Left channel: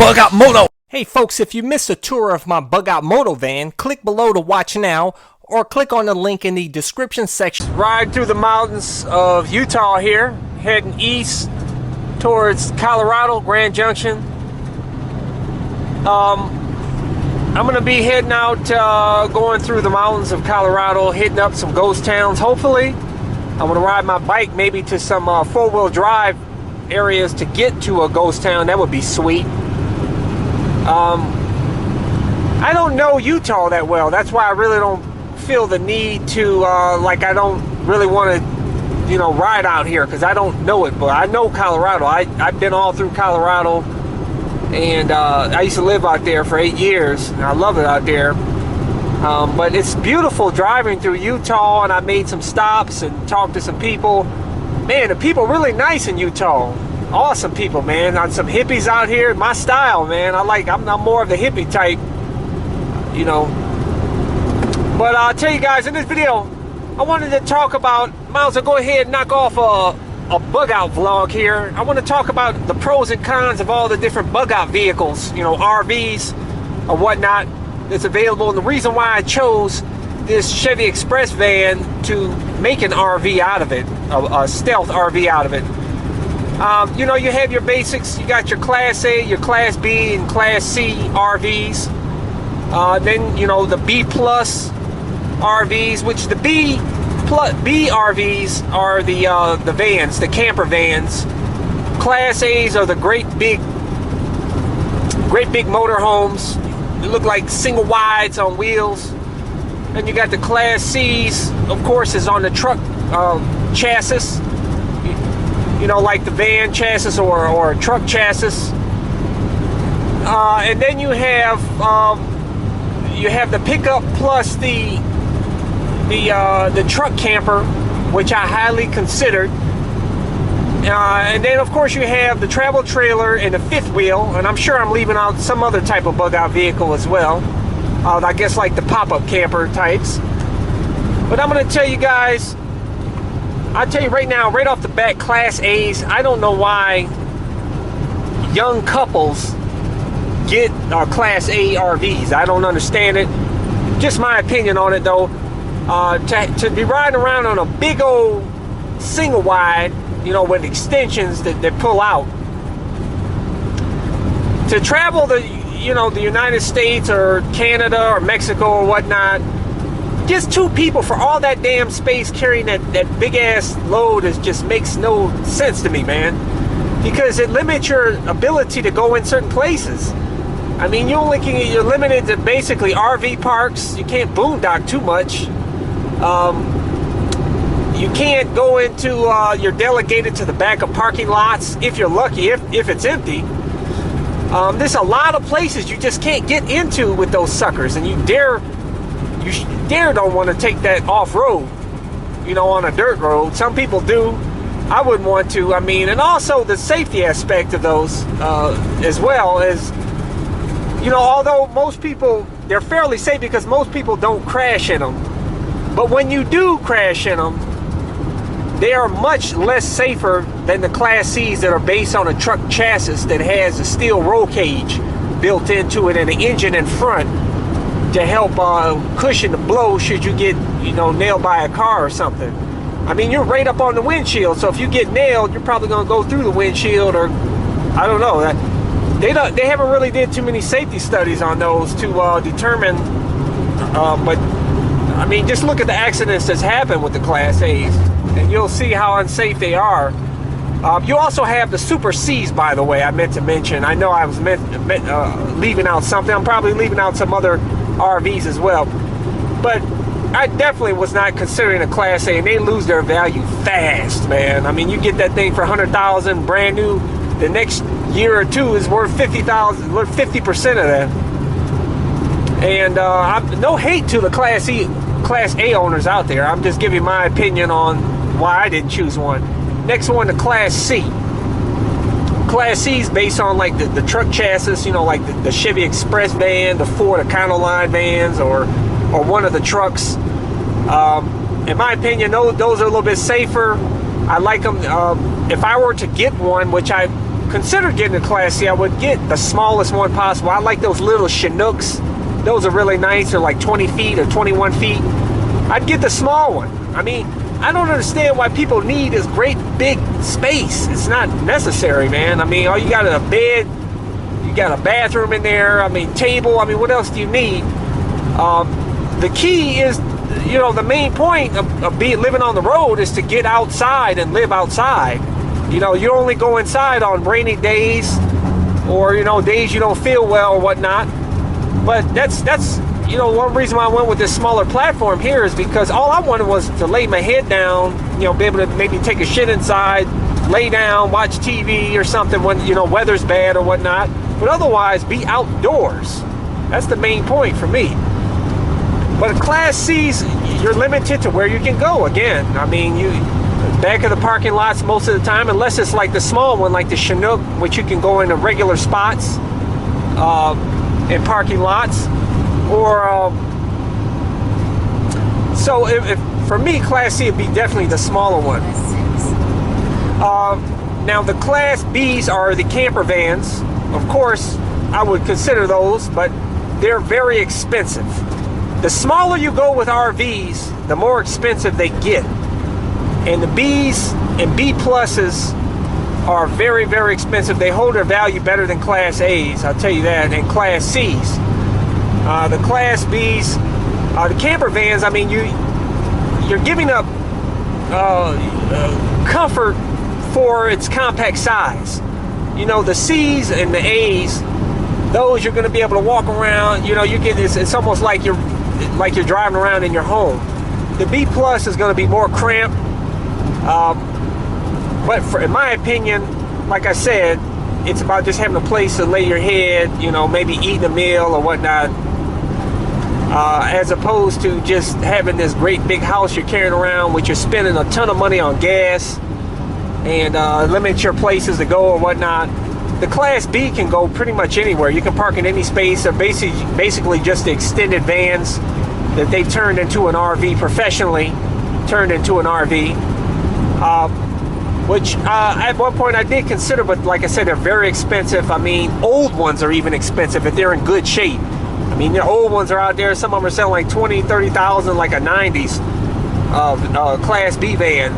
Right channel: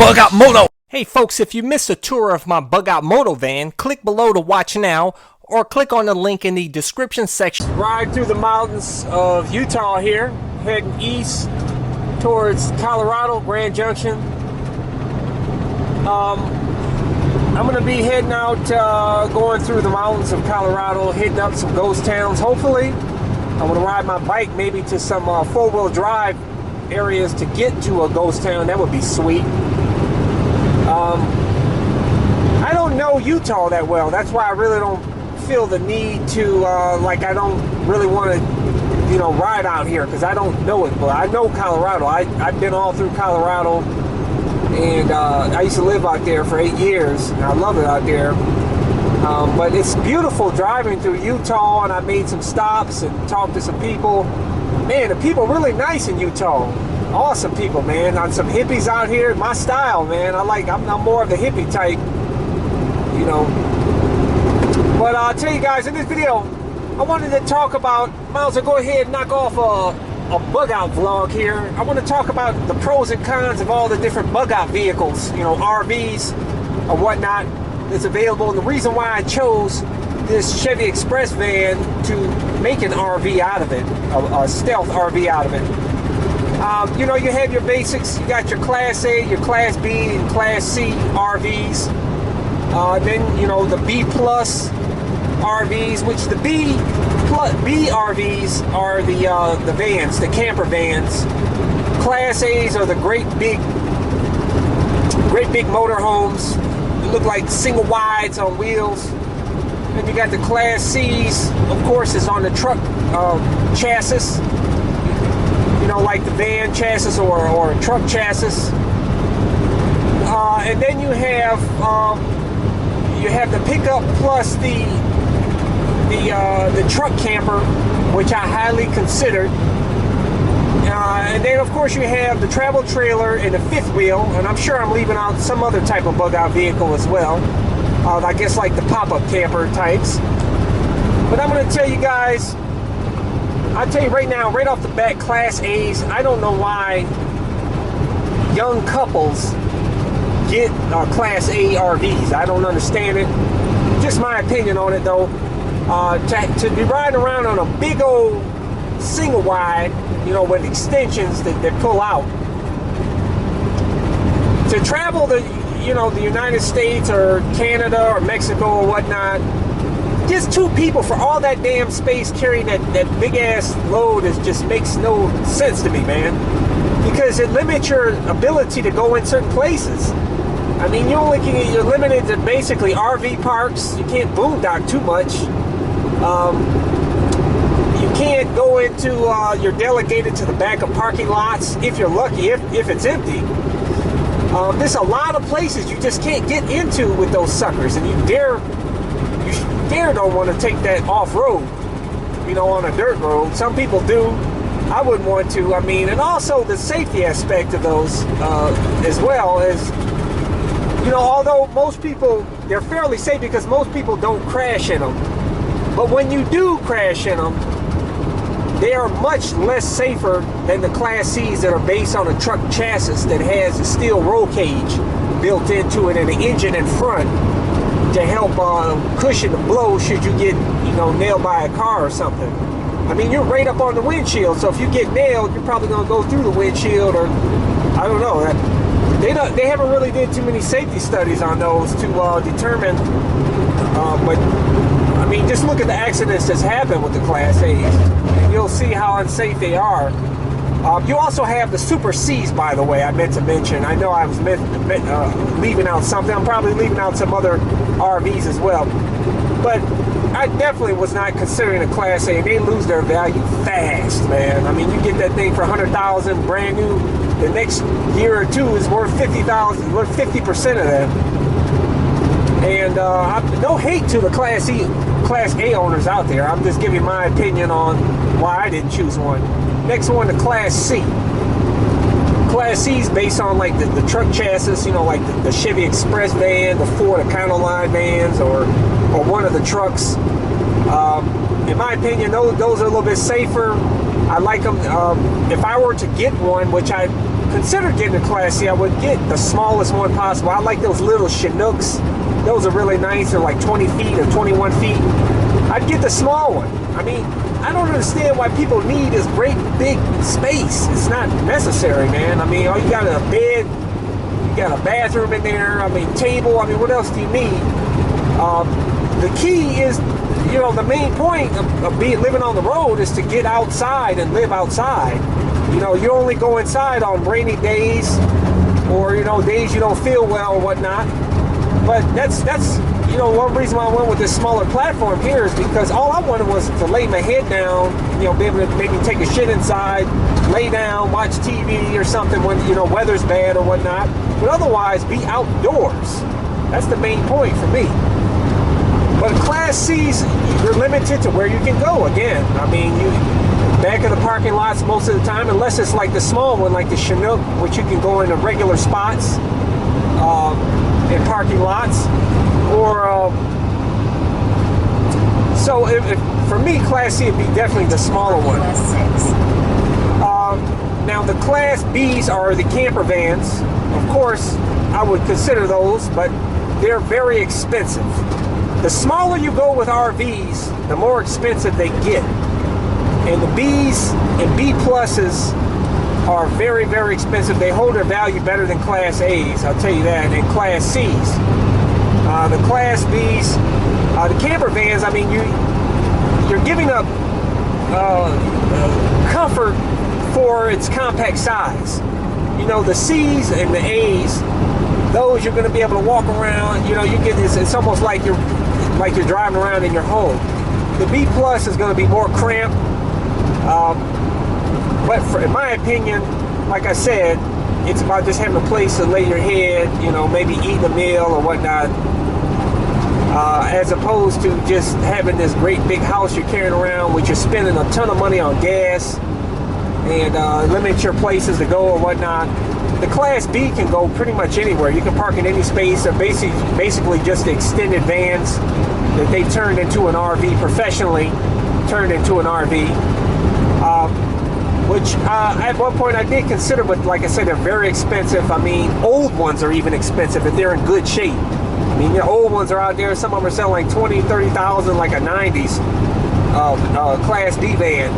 Bug Out Moto. Hey folks, if you missed a tour of my Bug Out Moto van, click below to watch now or click on the link in the description section. Ride through the mountains of Utah here, heading east towards Colorado, Grand Junction. I'm going to be heading out, going through the mountains of Colorado, hitting up some ghost towns, hopefully. I'm going to ride my bike maybe to some four-wheel drive areas to get to a ghost town. That would be sweet. I don't know Utah that well. That's why I really don't feel the need to, I don't really want to, ride out here because I don't know it. But I know Colorado. I've been all through Colorado, and I used to live out there for 8 years, and I love it out there. But it's beautiful driving through Utah, and I made some stops and talked to some people. Man, the people are really nice in Utah. Awesome people, man. On some hippies out here, my style, man. I'm more of the hippie type, But I'll tell you guys, in this video, I wanted to talk about, might as well go ahead and knock off a bug out vlog here. I want to talk about the pros and cons of all the different bug out vehicles, RVs or whatnot that's available. And the reason why I chose this Chevy Express van to make an RV out of it, a stealth RV out of it. You have your basics. You got your Class A, your Class B, and Class C RVs. Then, the B plus RVs, which the B RVs are the vans, the camper vans. Class A's are the great big motorhomes. They look like single wides on wheels. And you got the Class C's, of course, is on the truck chassis. Like the van chassis or a truck chassis. And then you have the pickup plus the truck camper, which I highly considered. And then of course you have the travel trailer and the fifth wheel, and I'm sure I'm leaving out some other type of bug out vehicle as well. I guess like the pop-up camper types. But I'm going to tell you guys, I'll tell you right now, right off the bat, Class A's, I don't know why young couples get Class A RVs. I don't understand it. Just my opinion on it, though. To be riding around on a big old single wide, with extensions that pull out. To travel the United States or Canada or Mexico or whatnot, just two people for all that damn space carrying that big ass load just makes no sense to me, man. Because it limits your ability to go in certain places. I mean, you're limited to basically RV parks. You can't boondock too much. You can't go into, you're delegated to the back of parking lots if you're lucky, if it's empty. There's a lot of places you just can't get into with those suckers, and you dare don't want to take that off-road, on a dirt road. Some people do. I wouldn't want to. I mean, and also the safety aspect of those as well as, although most people, they're fairly safe because most people don't crash in them. But when you do crash in them, they are much less safer than the Class C's that are based on a truck chassis that has a steel roll cage built into it and an engine in front to help cushion the blow should you get, nailed by a car or something. I mean, you're right up on the windshield, so if you get nailed, you're probably going to go through the windshield, or I don't know. They haven't really did too many safety studies on those to determine, but I mean, just look at the accidents that's happened with the Class A's, and you'll see how unsafe they are. You also have the Super C's, by the way, I meant to mention. I know I was leaving out something. I'm probably leaving out some other RVs as well. But I definitely was not considering a Class A, and they lose their value fast, man. I mean, you get that thing for $100,000 brand new. The next year or two is worth $50,000, worth 50% of that. And no hate to the Class A owners out there. I'm just giving my opinion on why I didn't choose one. Next one, the Class C. Class C is based on like the truck chassis, like the Chevy Express van, the Ford Econoline vans, or one of the trucks. In my opinion, those are a little bit safer. I like them. If I were to get one, which I considered getting a Class C, I would get the smallest one possible. I like those little Chinooks. Those are really nice. They're like 20 feet or 21 feet. I'd get the small one. I mean, I don't understand why people need this great big space. It's not necessary, man. I mean, all you got is a bed, you got a bathroom in there, I mean, table. I mean, what else do you need? The key is, you know, the main point of living on the road is to get outside and live outside. You know, you only go inside on rainy days or, you know, days you don't feel well or whatnot. But that's you know, one reason why I went with this smaller platform here is because all I wanted was to lay my head down, you know, be able to maybe take a shit inside, lay down, watch TV or something when, you know, weather's bad or whatnot. But otherwise, be outdoors. That's the main point for me. But Class C's, you're limited to where you can go. Again, I mean, you back of the parking lots most of the time, unless it's like the small one, like the Chinook, which you can go into regular spots in parking lots. Or so if for me, Class C would be definitely the smaller one. Now the Class Bs are the camper vans. Of course, I would consider those, but they're very expensive. The smaller you go with RVs, the more expensive they get. And the Bs and B pluses are very, very expensive. They hold their value better than Class A's, I'll tell you that, and Class C's. The Class B's, the camper vans, I mean, you're giving up comfort for its compact size. You know, the C's and the A's, those you're going to be able to walk around. You know, you get this. It's almost like you're driving around in your home. The B plus is going to be more cramped. But in my opinion, like I said, it's about just having a place to lay your head. You know, maybe eating a meal or whatnot. As opposed to just having this great big house you're carrying around, which you're spending a ton of money on gas and limit your places to go or whatnot. The Class B can go pretty much anywhere. You can park in any space. They're basically just the extended vans that they turned into an RV, professionally turned into an RV. Which at one point I did consider, but like I said, they're very expensive. I mean, old ones are even expensive if they're in good shape. I mean, the old ones are out there. Some of them are selling like $20,000, $30,000, like a 90s Class B van.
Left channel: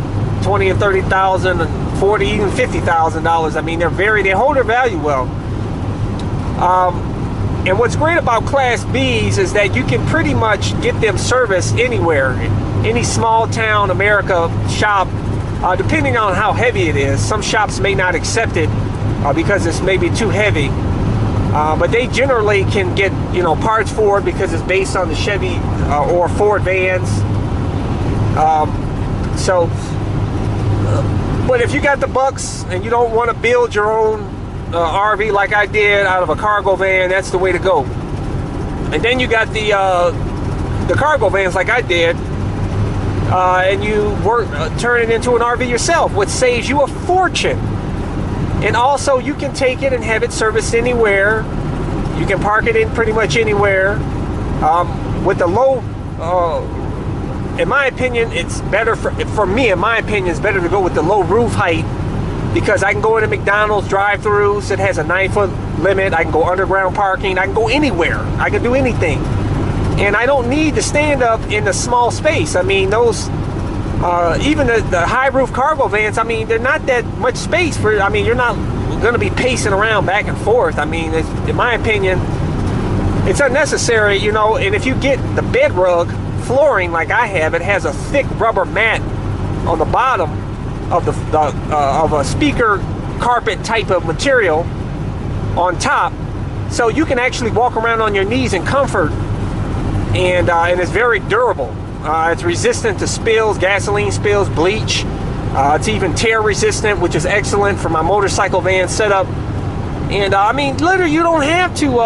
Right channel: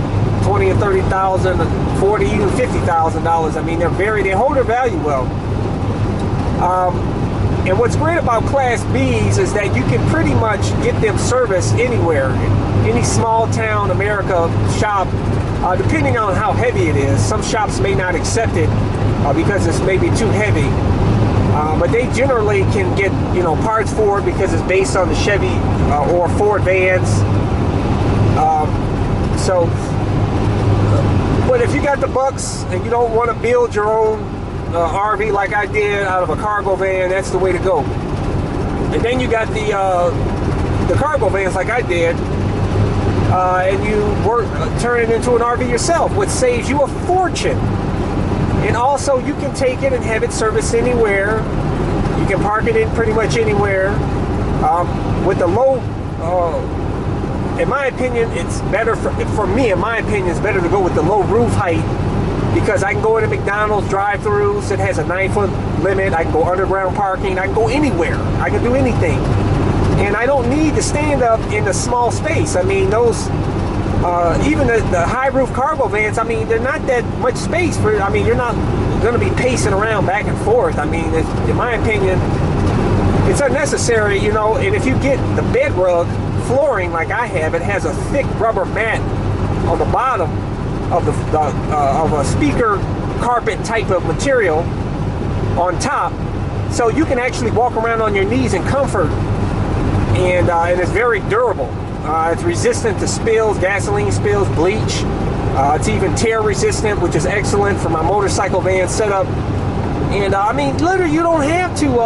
$20,000 and $30,000, $40,000, even $50,000. I mean, they hold their value well. And what's great about Class Bs is that you can pretty much get them serviced anywhere, any small town America shop, depending on how heavy it is. Some shops may not accept it because it's maybe too heavy. But they generally can get, you know, parts for it because it's based on the Chevy or Ford vans. But if you got the bucks and you don't want to build your own RV like I did out of a cargo van, that's the way to go. And then you got the cargo vans like I did, and you turn it into an RV yourself, which saves you a fortune. And also, you can take it and have it serviced anywhere. You can park it in pretty much anywhere. With the low, in my opinion, it's better for me. In my opinion, it's better to go with the low roof height because I can go into McDonald's drive-thrus. It has a 9-foot limit. I can go underground parking. I can go anywhere. I can do anything, and I don't need to stand up in a small space. I mean, those. Even the high roof cargo vans, I mean, they're not that much space for, I mean, you're not going to be pacing around back and forth. I mean, in my opinion, it's unnecessary, you know. And if you get the bed rug flooring like I have, it has a thick rubber mat on the bottom of of a speaker carpet type of material on top, so you can actually walk around on your knees in comfort, and it's very durable. It's resistant to spills, gasoline spills, bleach. It's even tear resistant, which is excellent for my motorcycle van setup. And I mean, literally, you don't have to.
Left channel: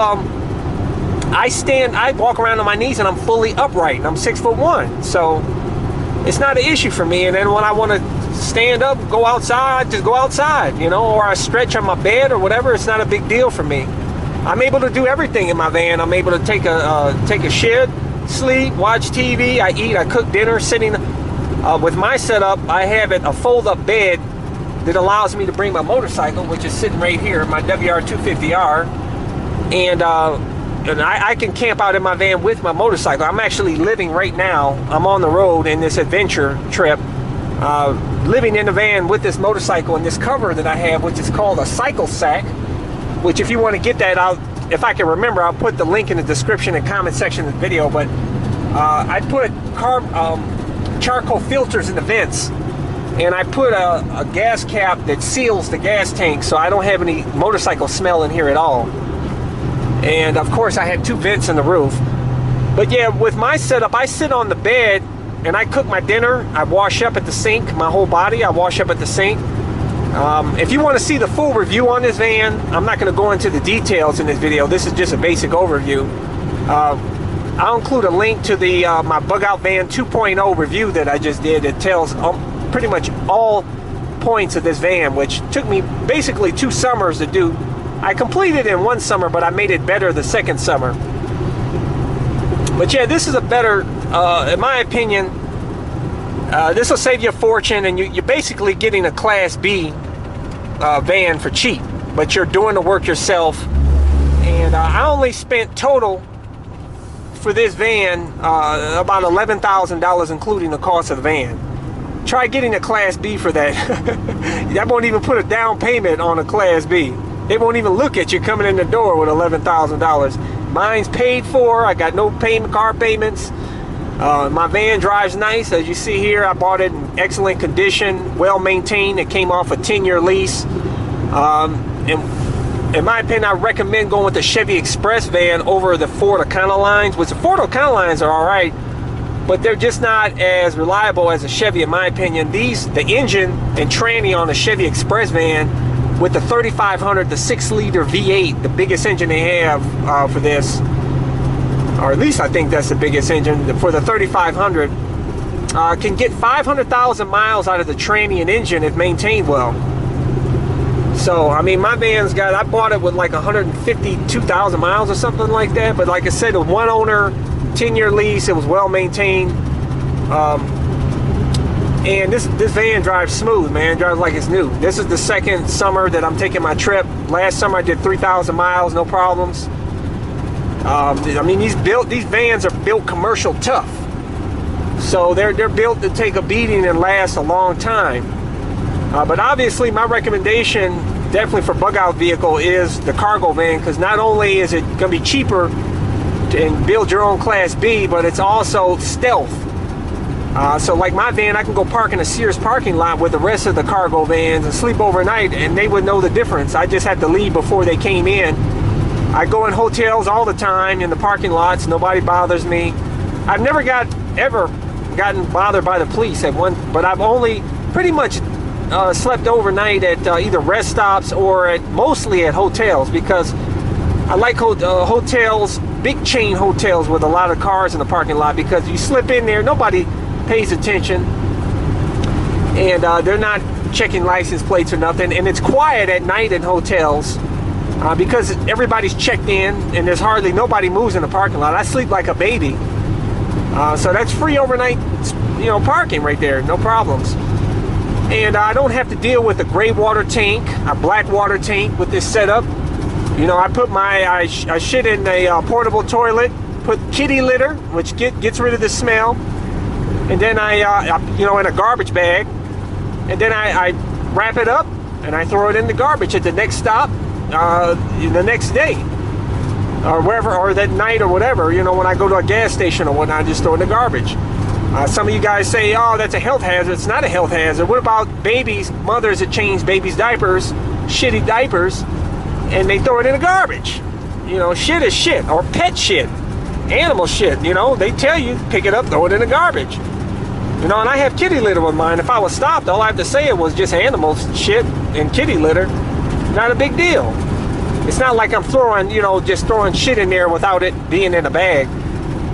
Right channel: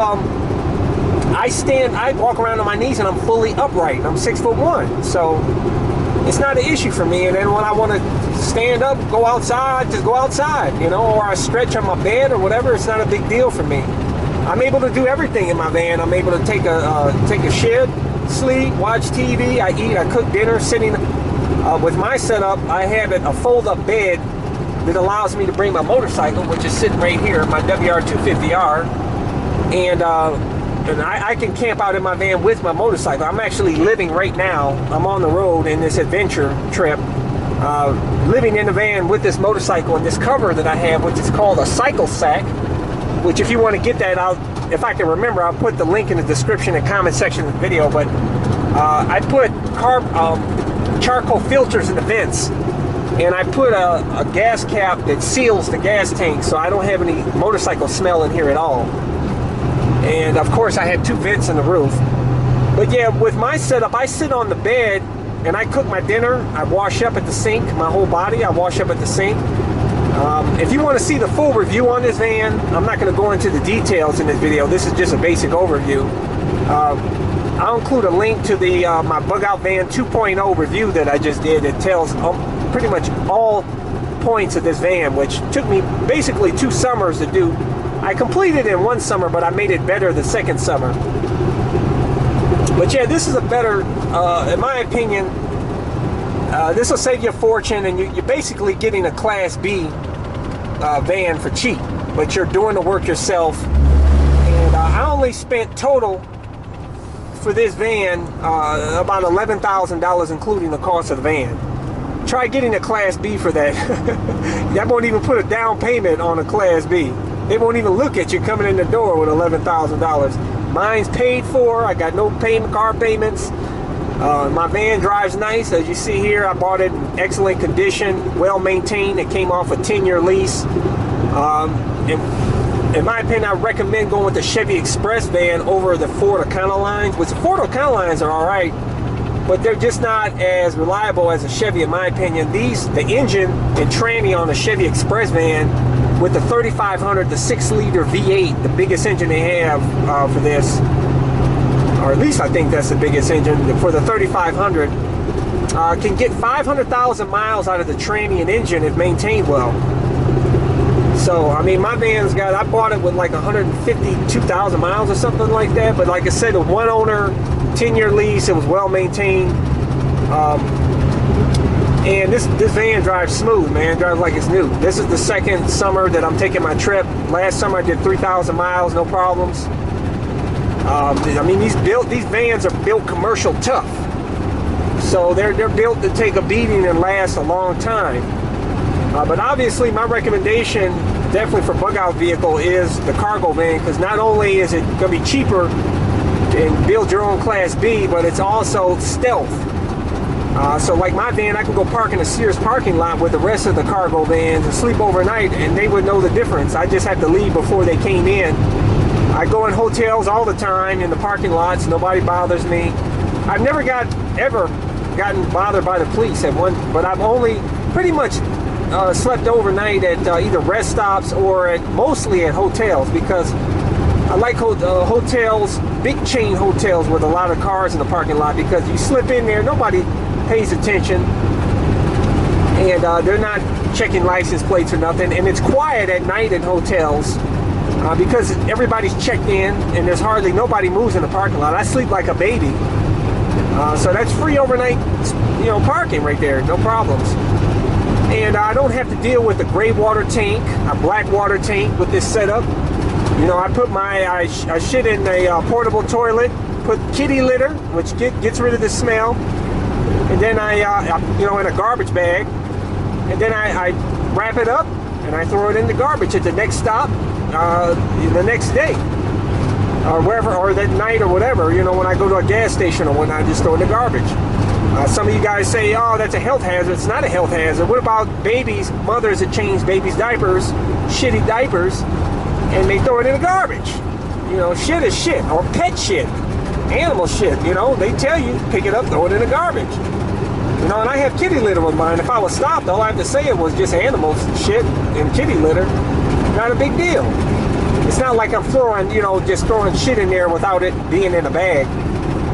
I walk around on my knees and I'm fully upright. I'm 6'1", so it's not an issue for me. And then when I want to stand up, go outside, just go outside, you know, or I stretch on my bed or whatever. It's not a big deal for me. I'm able to do everything in my van. I'm able to take a shit, sleep, watch TV, I eat, I cook dinner sitting. With my setup, I have a fold-up bed that allows me to bring my motorcycle, which is sitting right here, my WR250R, and I can camp out in my van with my motorcycle. I'm actually living right now. I'm on the road in this adventure trip, living in the van with this motorcycle and this cover that I have, which is called a cycle sack, which if you want to get that out, if I can remember, I'll put the link in the description and comment section of the video. But I put charcoal filters in the vents, and I put a gas cap that seals the gas tank so I don't have any motorcycle smell in here at all. And of course I had 2 vents in the roof. But yeah, with my setup, I sit on the bed and I cook my dinner. I wash up at the sink, my whole body, I wash up at the sink. If you want to see the full review on this van, I'm not going to go into the details in this video. This is just a basic overview. I'll include a link to the my Bug Out Van 2.0 review that I just did. It tells pretty much all points of this van, which took me basically 2 summers to do. I completed it in 1 summer, but I made it better the 2nd summer. But yeah, this is a better, in my opinion, this will save you a fortune, and you're basically getting a Class B van for cheap, but you're doing the work yourself. And I only spent total for this van about $11,000, including the cost of the van. Try getting a Class B for that. That won't even put a down payment on a Class B. They won't even look at you coming in the door with $11,000. Mine's paid for. I got no car payments. My van drives nice. As you see here, I bought it in excellent condition, well maintained. It came off a 10-year lease. In my opinion, I recommend going with the Chevy Express van over the Ford Econolines, which the Ford Econolines are all right, but they're just not as reliable as a Chevy, in my opinion. The engine and tranny on the Chevy Express van with the 3500, the 6-liter V8, the biggest engine they have for this, or at least I think that's the biggest engine for the 3500, can get 500,000 miles out of the tranny and engine if maintained well. So, I mean, my van's got, I bought it with like 152,000 miles or something like that. But like I said, a 1 owner, 10-year lease, it was well maintained. And this van drives smooth, man. It drives like it's new. This is the 2nd summer that I'm taking my trip. Last summer I did 3,000 miles, no problems. I mean, these vans are built commercial tough. So they're built to take a beating and last a long time. But obviously my recommendation definitely for bug out vehicle is the cargo van, because not only is it going to be cheaper to build your own Class B, but it's also stealth. So like my van, I can go park in a Sears parking lot with the rest of the cargo vans and sleep overnight, and they would know the difference. I just had to leave before they came in. I go in hotels all the time in the parking lots. Nobody bothers me. I've never ever gotten bothered by the police at one, but I've only pretty much slept overnight at either rest stops or mostly at hotels, because I like hotels, big chain hotels with a lot of cars in the parking lot, because you slip in there, nobody pays attention, and they're not checking license plates or nothing, and it's quiet at night in hotels because everybody's checked in and there's hardly nobody moves in the parking lot. I sleep like a baby, so that's free overnight, parking right there, no problems. And I don't have to deal with a gray water tank, a black water tank with this setup. I put I shit in a portable toilet, put kitty litter, which gets rid of the smell, and then in a garbage bag, and then I wrap it up and I throw it in the garbage at the next stop, the next day, or wherever, or that night or whatever. When I go to a gas station or whatnot, I just throw it in the garbage. Some of you guys say, oh, that's a health hazard. It's not a health hazard. What about babies, mothers that change babies' diapers, shitty diapers, and they throw it in the garbage? Shit is shit, or pet shit, animal shit. They tell you, pick it up, throw it in the garbage. And I have kitty litter with mine. If I was stopped, all I have to say it was just animals, shit, and kitty litter. Not a big deal. It's not like I'm throwing, just throwing shit in there without it being in a bag.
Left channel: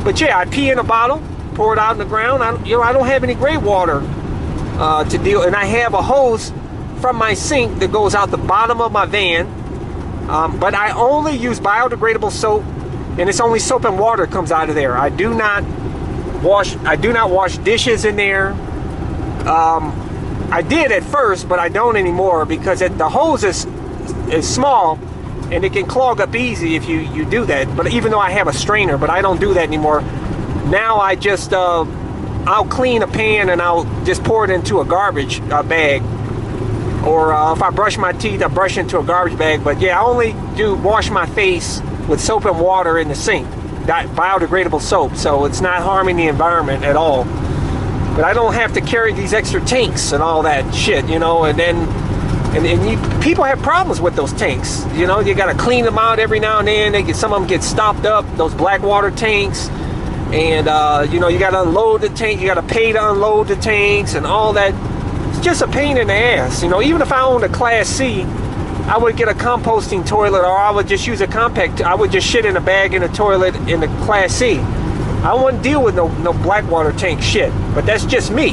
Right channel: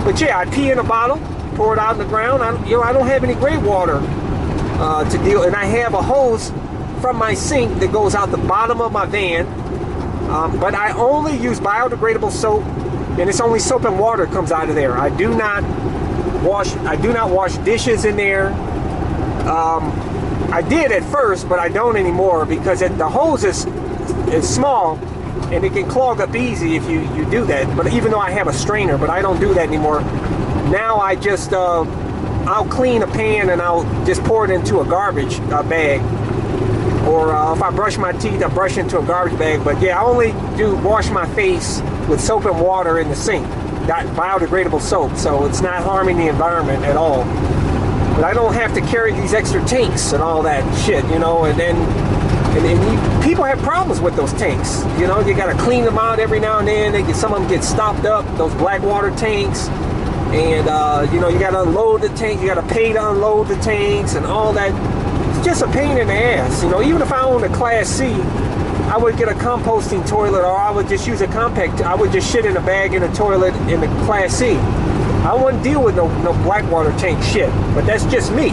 But yeah, I pee in a bottle, pour it out in the ground. I don't have any gray water to deal, and I have a hose from my sink that goes out the bottom of my van. But I only use biodegradable soap, and it's only soap and water comes out of there. I do not wash dishes in there. I did at first, but I don't anymore because the hose is small and it can clog up easy if you do that. But even though I have a strainer, but I don't do that anymore. Now I just I'll clean a pan and I'll just pour it into a garbage bag. Or if I brush my teeth, I brush into a garbage bag. But yeah, I only do wash my face with soap and water in the sink. Biodegradable soap, so it's not harming the environment at all. But I don't have to carry these extra tanks and all that shit, you know. And then people have problems with those tanks, you know. You got to clean them out every now and then. Some of them get stopped up, those black water tanks. And you know, you got to unload the tank. You got to pay to unload the tanks and all that. It's just a pain in the ass, you know. Even if I owned a Class C, I would get a composting toilet, or I would just use a compact. I would just shit in a bag in a toilet in the Class C. I wouldn't deal with no black water tank shit. But that's just me.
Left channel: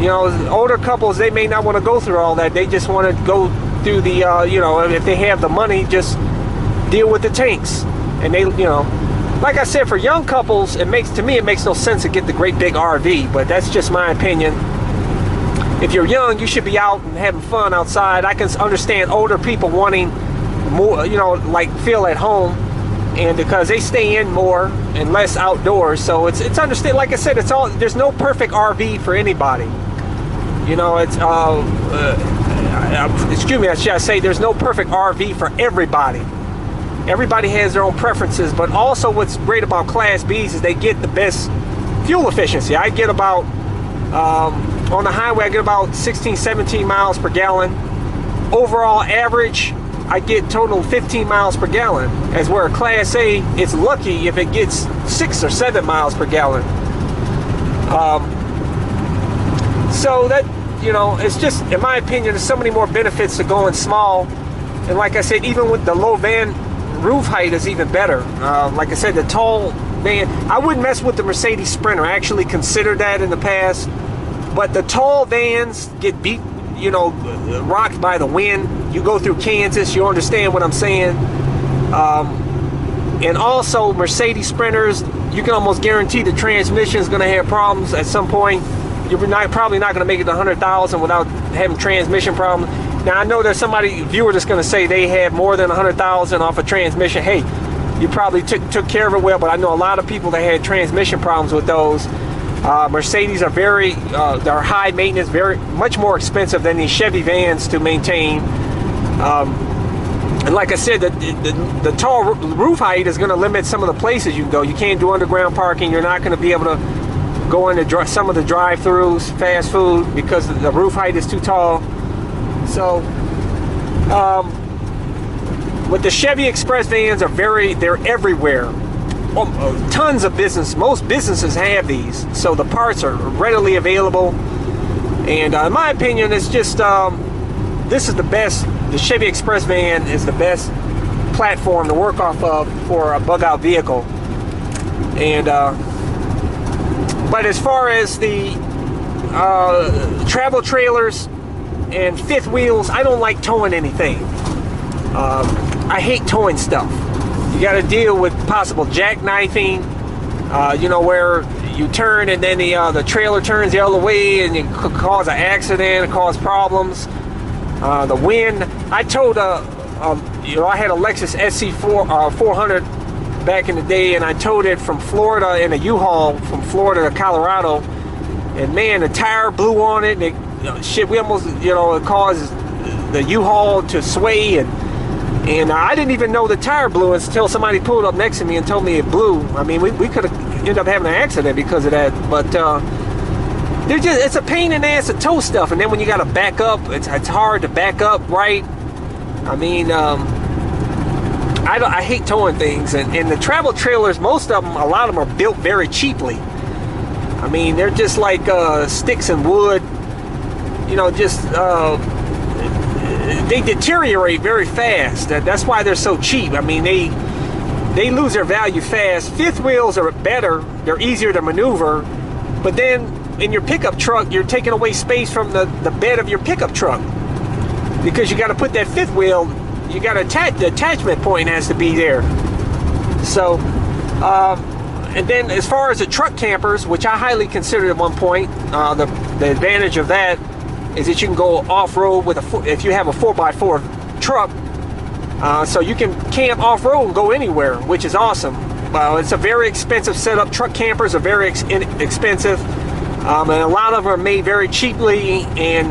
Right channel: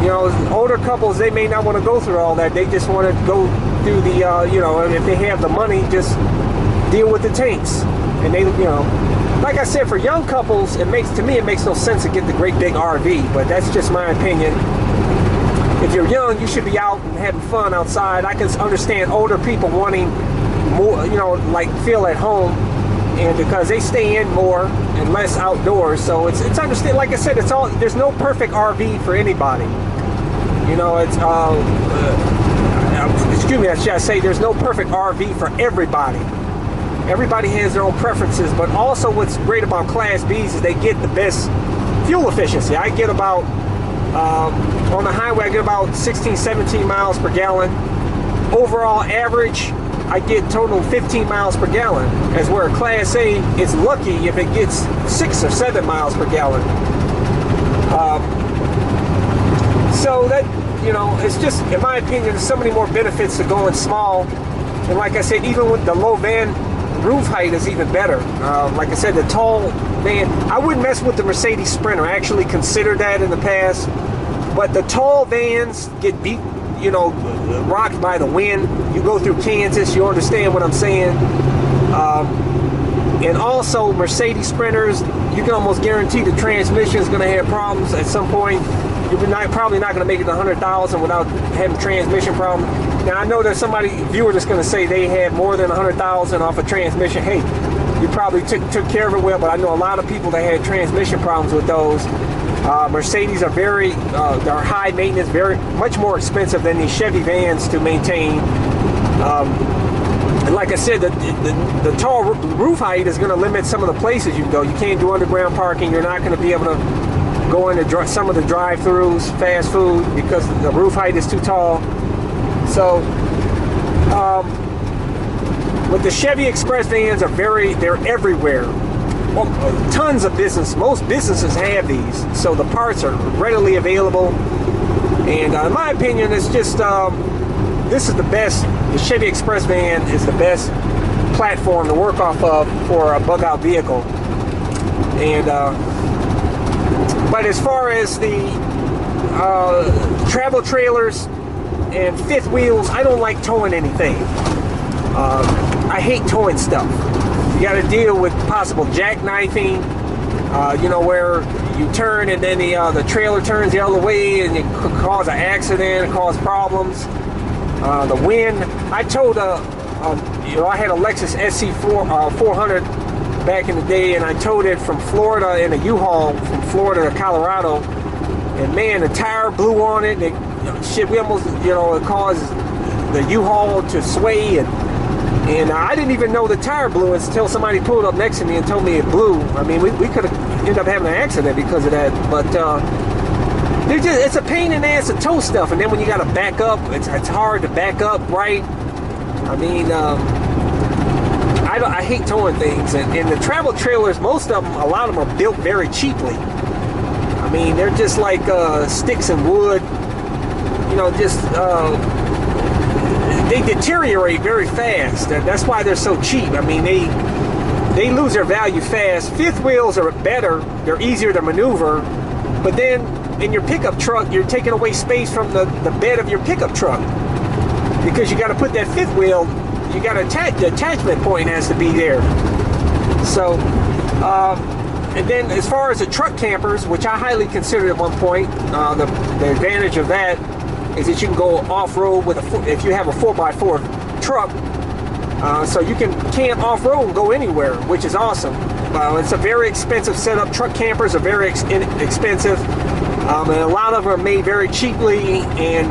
You know, older couples, they may not want to go through all that. They just want to go through the, you know, if they have the money, just deal with the tanks. And they, you know, like I said, for young couples, to me, it makes no sense to get the great big RV. But that's just my opinion. If you're young, you should be out and having fun outside. I can understand older people wanting more, you know, like feel at home, and because they stay in more and less outdoors. So it's understand. Like I said, it's all. There's no perfect RV for anybody. You know, it's excuse me, should I say there's no perfect RV for everybody. Everybody has their own preferences, but also what's great about Class Bs is they get the best fuel efficiency. I get about on the highway, I get about 16, 17 miles per gallon. Overall average, I get total 15 miles per gallon. As where a Class A, it's lucky if it gets 6 or 7 miles per gallon. So that, you know, it's just, in my opinion, there's so many more benefits to going small. And like I said, even with the low van roof height is even better. Like I said, the tall van, I wouldn't mess with the Mercedes Sprinter. I actually considered that in the past. But the tall vans get beat, you know, rocked by the wind. You go through Kansas, you understand what I'm saying. And also Mercedes Sprinters, you can almost guarantee the transmission is going to have problems at some point. You're probably not going to make it to 100,000 without having transmission problems. Now I know there's viewer that's going to say they had more than 100,000 off a transmission. Hey, you probably took care of it well, but I know a lot of people that had transmission problems with those. Mercedes are they're high maintenance, much more expensive than these Chevy vans to maintain. And like I said, the tall roof height is going to limit some of the places you can go. You can't do underground parking. You're not going to be able to go into some of the drive-thrus, fast food, because the roof height is too tall. So, with the Chevy Express vans they're everywhere. Tons of business. Most businesses have these, so the parts are readily available. And in my opinion, it's just this is the best. The Chevy Express van is the best platform to work off of for a bug-out vehicle. And but as far as the travel trailers and fifth wheels, I don't like towing anything. I hate towing stuff. You got to deal with possible jackknifing, you know, where you turn and then the trailer turns the other way and it could cause an accident, cause problems. The wind. I towed you know, I had a Lexus SC400 back in the day, and I towed it from Florida in a U-Haul from Florida to Colorado. And man, the tire blew on it. Shit, we almost, you know, it caused the U-Haul to sway, and I didn't even know the tire blew until somebody pulled up next to me and told me it blew. I mean, we could have ended up having an accident because of that. But it's a pain in the ass to tow stuff, and then when you got to back up, it's hard to back up right. I mean, I hate towing things, and the travel trailers, most of them, a lot of them are built very cheaply. I mean, they're just like sticks and wood, you know, just they deteriorate very fast. That's why they're so cheap. I mean, they lose their value fast. Fifth wheels are better. They're easier to maneuver. But then in your pickup truck, you're taking away space from the bed of your pickup truck, because you got to put that fifth wheel, you got to attach, the attachment point has to be there. So, and then as far as the truck campers, which I highly considered at one point, the advantage of that is that you can go off-road with if you have a 4x4 truck. So you can camp off-road and go anywhere, which is awesome. It's a very expensive setup. Truck campers are very expensive, and a lot of them are made very cheaply, and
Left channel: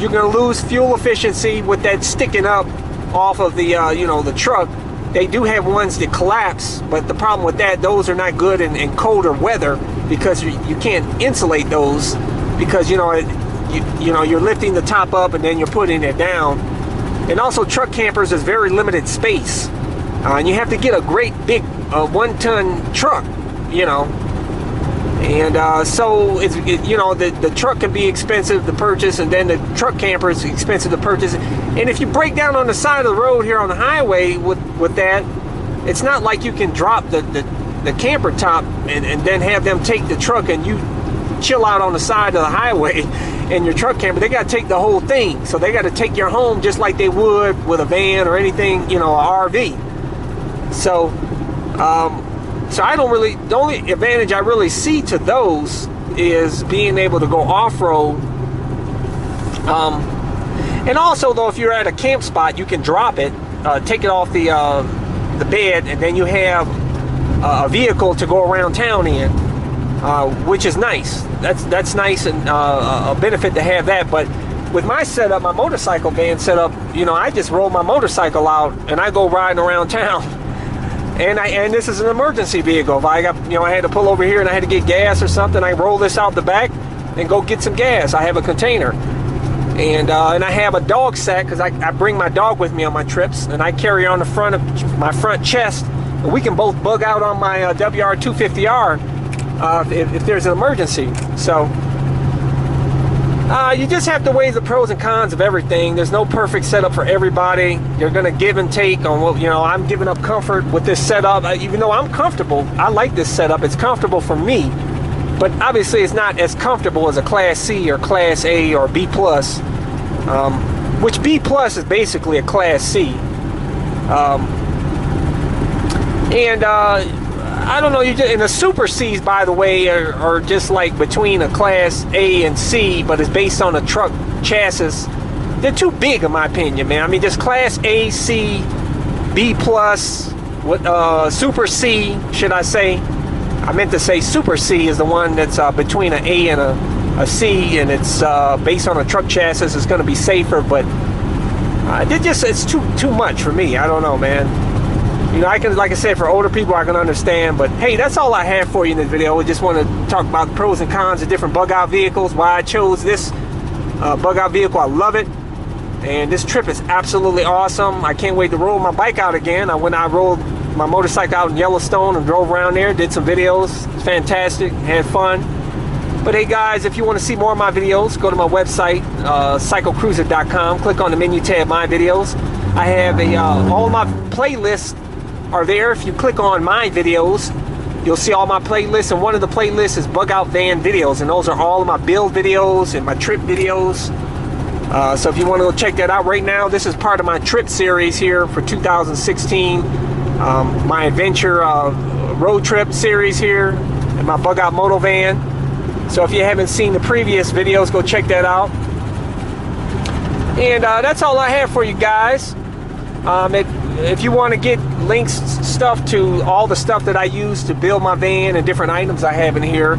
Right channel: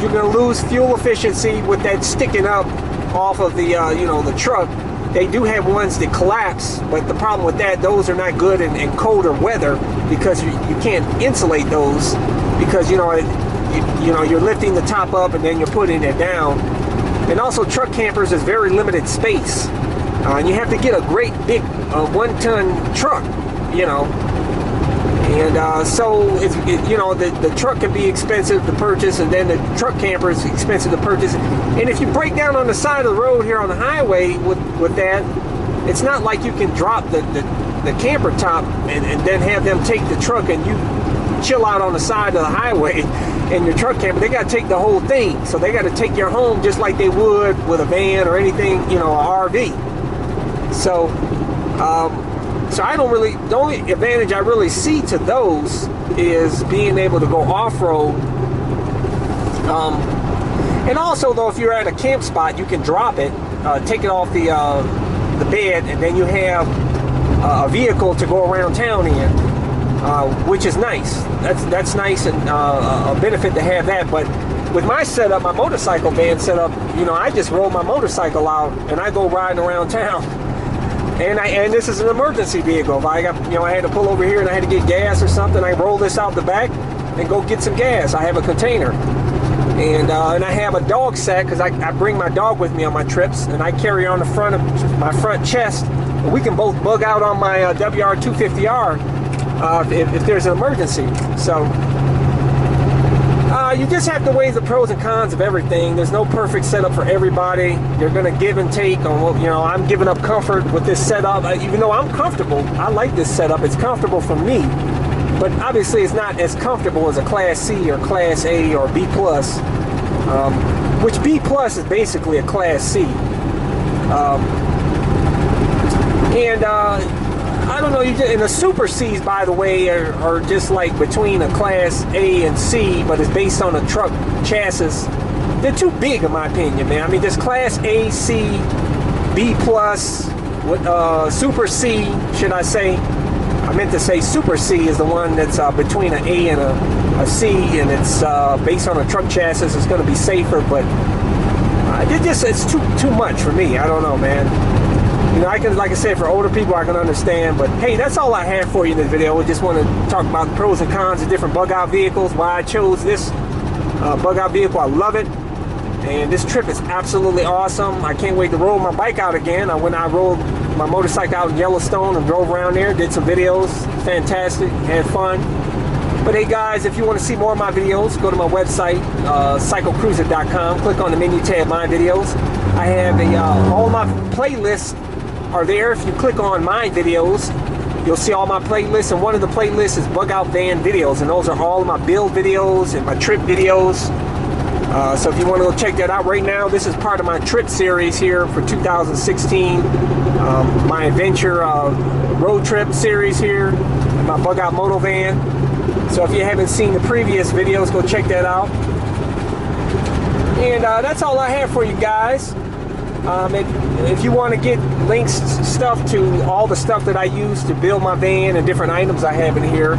you're going to lose fuel efficiency with that sticking up off of the the truck. They do have ones that collapse, but the problem with that, those are not good in colder weather, because you can't insulate those, because you're lifting the top up and then you're putting it down. And also, truck campers is very limited space, and you have to get a great big 1-ton truck, and so it's the truck can be expensive to purchase, and then the truck camper is expensive to purchase. And if you break down on the side of the road here on the highway with that, it's not like you can drop the camper top and then have them take the truck and you chill out on the side of the highway in your truck camper. They got to take the whole thing, so they got to take your home just like they would with a van or anything, an RV. So so I don't really, the only advantage I really see to those is being able to go off-road. And also, though, if you're at a camp spot, you can drop it, take it off the bed, and then you have a vehicle to go around town in, which is nice. That's nice, and a benefit to have that. But with my setup, my motorcycle van setup, I just roll my motorcycle out and I go riding around town. And this is an emergency vehicle. If I got, I had to pull over here and I had to get gas or something, I roll this out the back and go get some gas. I have a container. And I have a dog sack, because I bring my dog with me on my trips, and I carry on the front of my front chest. And we can both bug out on my WR250R if there's an emergency. So you just have to weigh the pros and cons of everything. There's no perfect setup for everybody. You're going to give and take on what, I'm giving up comfort with this setup. Even though I'm comfortable, I like this setup. It's comfortable for me. But obviously it's not as comfortable as a Class C or Class A or B+, which B+ is basically a Class C. I don't know, and the Super Cs, by the way, are just like between a Class A and C, but it's based on a truck chassis. They're too big, in my opinion, man. I mean, just Class A, C, B+, Super C, should I say. I meant to say Super C is the one that's between an A and a C, and it's based on a truck chassis. It's going to be safer, but it's too much for me. I don't know, man. I can, like I said, for older people, I can understand. But hey, that's all I have for you in this video. I just want to talk about the pros and cons of different bug-out vehicles, why I chose this bug-out vehicle. I love it, and this trip is absolutely awesome. I can't wait to roll my bike out again. I rolled my motorcycle out in Yellowstone and drove around there, did some videos. Fantastic, had fun. But hey guys, if you want to see more of my videos, go to my website, cyclecruiser.com. Click on the menu tab, My Videos. I have all my playlists are there. If you click on My Videos, you'll see all my playlists, and one of the playlists is Bug Out Van videos, and those are all of my build videos and my trip videos. So if you want to go check that out right now, this is part of my trip series here for 2016. My adventure road trip series here, and my Bug Out Moto van. So if you haven't seen the previous videos, go check that out. And that's all I have for you guys. If you want to get links, stuff to all the stuff that I use to build my van and different items I have in here,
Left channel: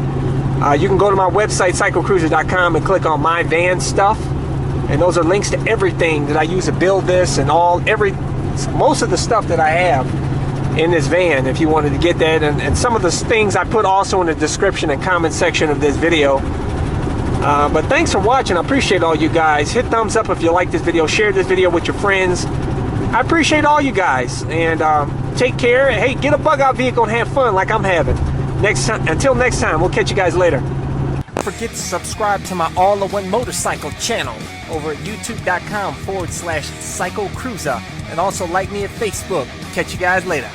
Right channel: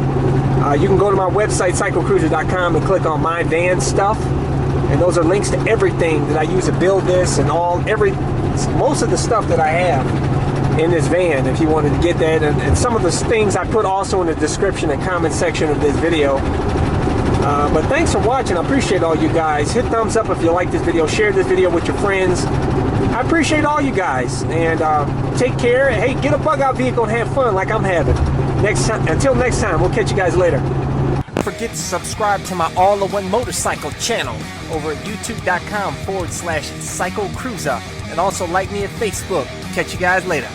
you can go to my website, cyclecruiser.com, and click on My Van Stuff. And those are links to everything that I use to build this, and most of the stuff that I have in this van, if you wanted to get that. And some of the things I put also in the description and comment section of this video. But thanks for watching. I appreciate all you guys. Hit thumbs up if you like this video. Share this video with your friends. I appreciate all you guys. And take care. Hey, get a bug out vehicle and have fun like I'm having. Until next time, we'll catch you guys later. Don't forget to subscribe to my all-in-one motorcycle channel over at youtube.com/cyclecruiser, and also like me at Facebook. Catch you guys later.